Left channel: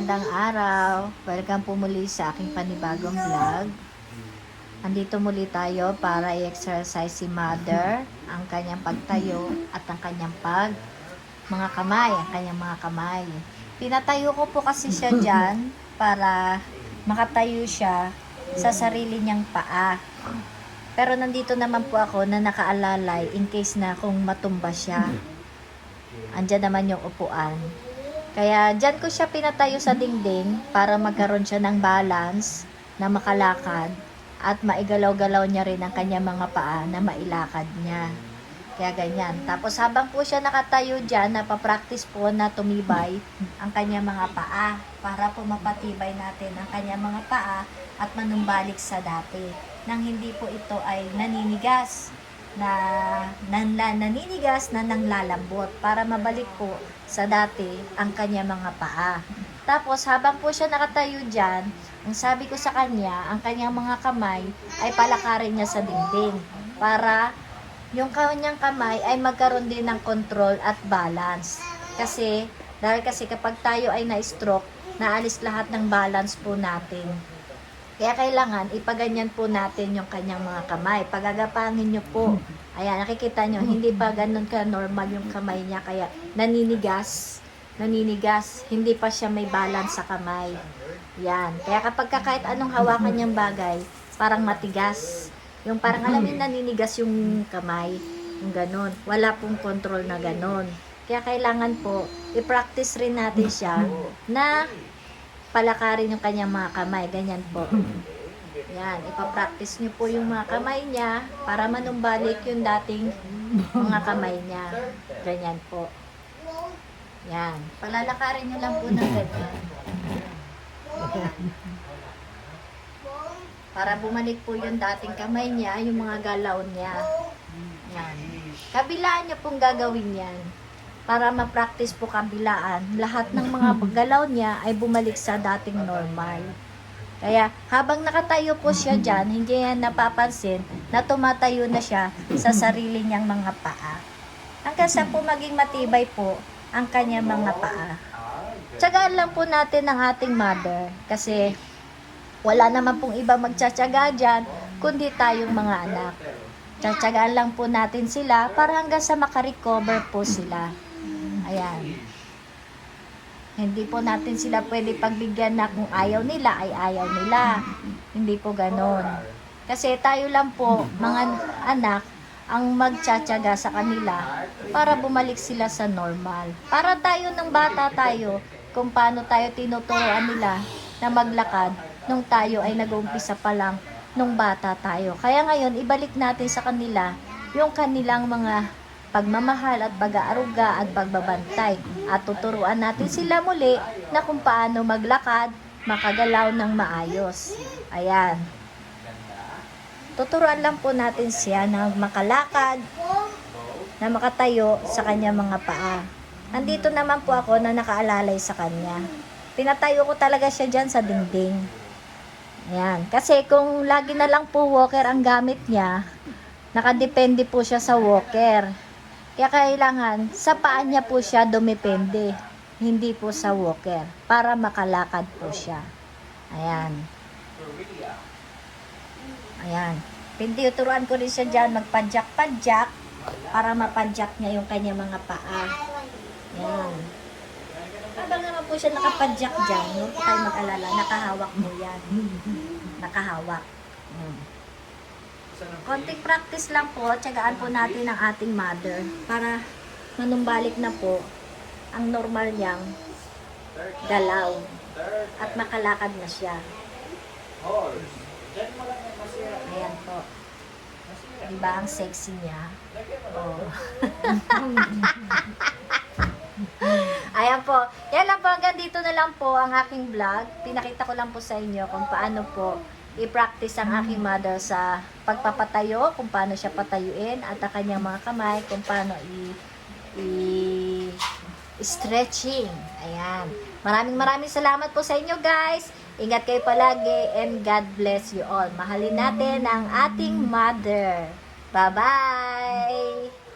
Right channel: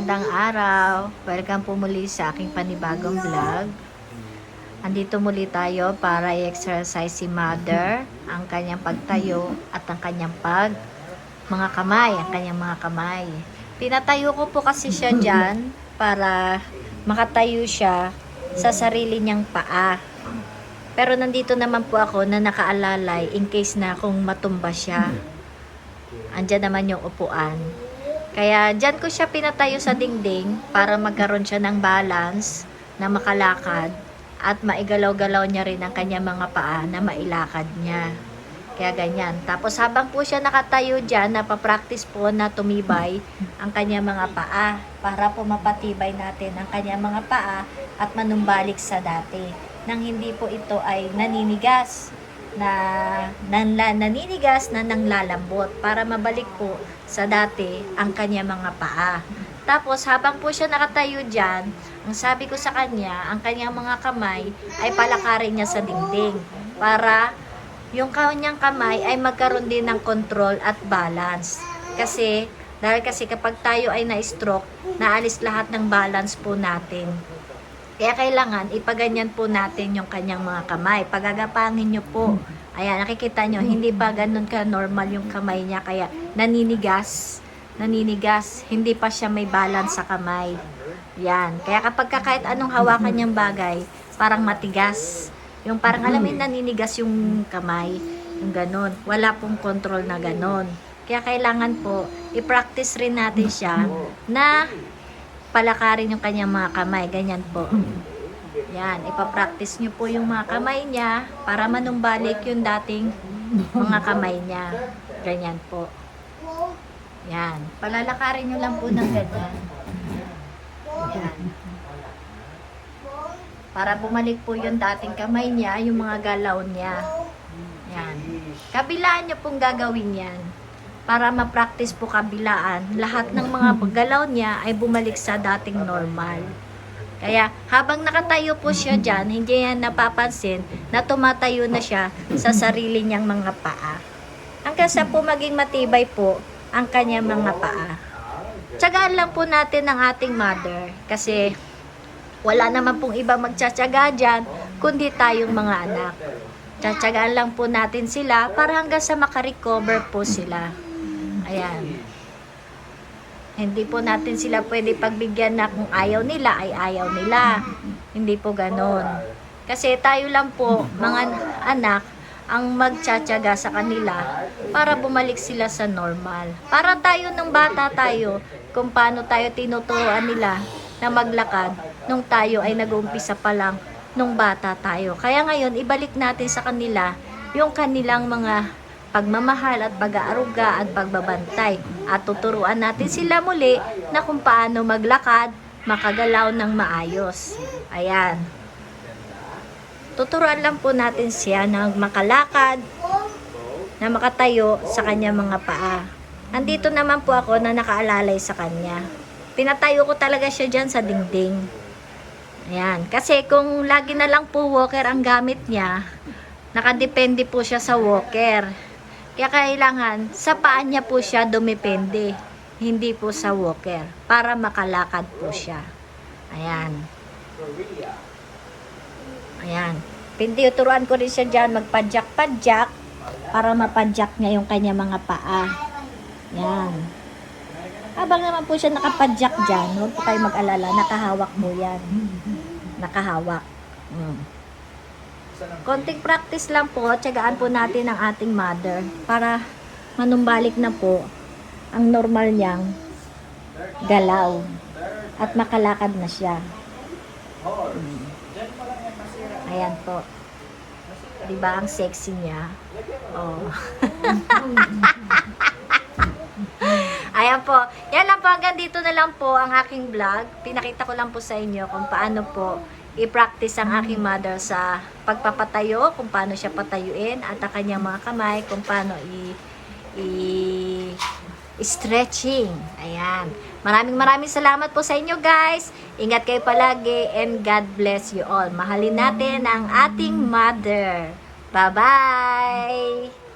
magandang araw. Welcome po muli sa aking panibagong vlog. Andito muli tayo para i-exercise si mother, ang kanyang pagtayo at ang kanyang pag mga kamay, ang kanyang mga kamay. Pinatayo ko po kasi siya dyan para makatayo siya sa sarili niyang paa. Pero nandito naman po ako na nakaalalay in case na kung matumba siya. Andyan naman yung upuan. Kaya dyan ko siya pinatayo sa dingding para magkaroon siya ng balance na makalakad at maigalaw-galaw niya rin ang kanya mga paa na mailakad niya. Kaya ganyan. Tapos habang po siya nakatayo dyan, napapractice po na tumibay ang kanya mga paa para po mapatibay natin ang kanya mga paa at manumbalik sa dati. Nang hindi po ito ay naninigas na nanla, naninigas na nanglalambot para mabalik po sa dati ang kanya mga paa. Tapos habang po siya nakatayo dyan, ang sabi ko sa kanya, ang kanyang mga kamay ay palakarin niya sa dingding para yung kanyang kamay ay magkaroon din ng control at balance. Kasi, dahil kasi kapag tayo ay na-stroke, naalis lahat ng balance po natin. Kaya kailangan ipaganyan po natin yung kanyang mga kamay. Pagagapangin nyo po. Ayan, nakikita nyo, hindi pa ganun ka normal yung kamay niya. Kaya naninigas. Naninigas. Hindi pa siya may balance sa kamay. Yan. Kaya kapag ka kahit anong hawakan niyang bagay, parang matigas. Yung parang alam mo naninigas yung kamay. Yung ganun. Wala pong control na ganun. Kaya kailangan po, i-practice rin natin siya na palakarin yung kanyang mga kamay. Ganyan po. Yan, ipapractice nyo po yung mga kamay niya para manumbalik yung dating mga kamay niya. Ganyan po. Yan. Palalakarin nyo lang po ng ganyan. Yan. Para bumalik po yung dating kamay niya, yung mga galaw niya. Yan. Kabilaan nyo pong gagawin yan para ma-practice po kabilaan, lahat ng mga galaw niya ay bumalik sa dating normal. Kaya habang nakatayo po siya dyan, hindi niya napapansin na tumatayo na siya sa sarili niyang mga paa. Hanggang sa po maging matibay po ang kanyang mga paa. Tsagaan lang po natin ang ating mother kasi wala naman pong iba magtsatsaga dyan kundi tayong mga anak. Tsatsagaan lang po natin sila para hanggang sa makarecover po sila. Ayan. Hindi po natin sila pwede pagbigyan na kung ayaw nila ay ayaw nila. Hindi po ganon. Kasi tayo lang po, mga anak, ang magtsatsaga sa kanila para bumalik sila sa normal. Para tayo nung bata tayo, kung paano tayo tinuturuan nila na maglakad nung tayo ay nag-uumpisa pa lang nung bata tayo. Kaya ngayon, ibalik natin sa kanila yung kanilang mga pagmamahal at pag-aaruga at pagbabantay. At tuturuan natin sila muli na kung paano maglakad, makagalaw ng maayos. Ayan. Tuturuan lang po natin siya na makalakad, na makatayo sa kanya mga paa. Nandito naman po ako na nakaalalay sa kanya. Pinatayo ko talaga siya dyan sa dingding. Ayan. Kasi kung lagi na lang po walker ang gamit niya, nakadepende po siya sa walker. Kaya kailangan sa paa niya po siya dumepende, hindi po sa walker, para makalakad po siya. Ayan. Ayan. Pintiuturuan ko rin siya dyan magpadyak-padyak para mapadyak niya yung kanya mga paa. Ayan. Habang naman po siya nakapadyak dyan, huwag po kayo mag-alala, nakahawak mo yan. Nakahawak. Mm. Konting practice lang po, tiyagaan po natin ang ating mother para manumbalik na po ang normal niyang galaw at makalakad na siya. Mm. Ayan po. Diba ang sexy niya? Oh. Ayan po. Yan lang po. Hanggang dito na lang po ang aking vlog. Pinakita ko lang po sa inyo kung paano po i-practice ang aking mother sa pagpapatayo, kung paano siya patayuin, at ang kanyang mga kamay, kung paano i- i- stretching. Ayan. Maraming maraming salamat po sa inyo guys. Ingat kayo palagi and God bless you all. Mahalin natin ang ating mother. Bye-bye!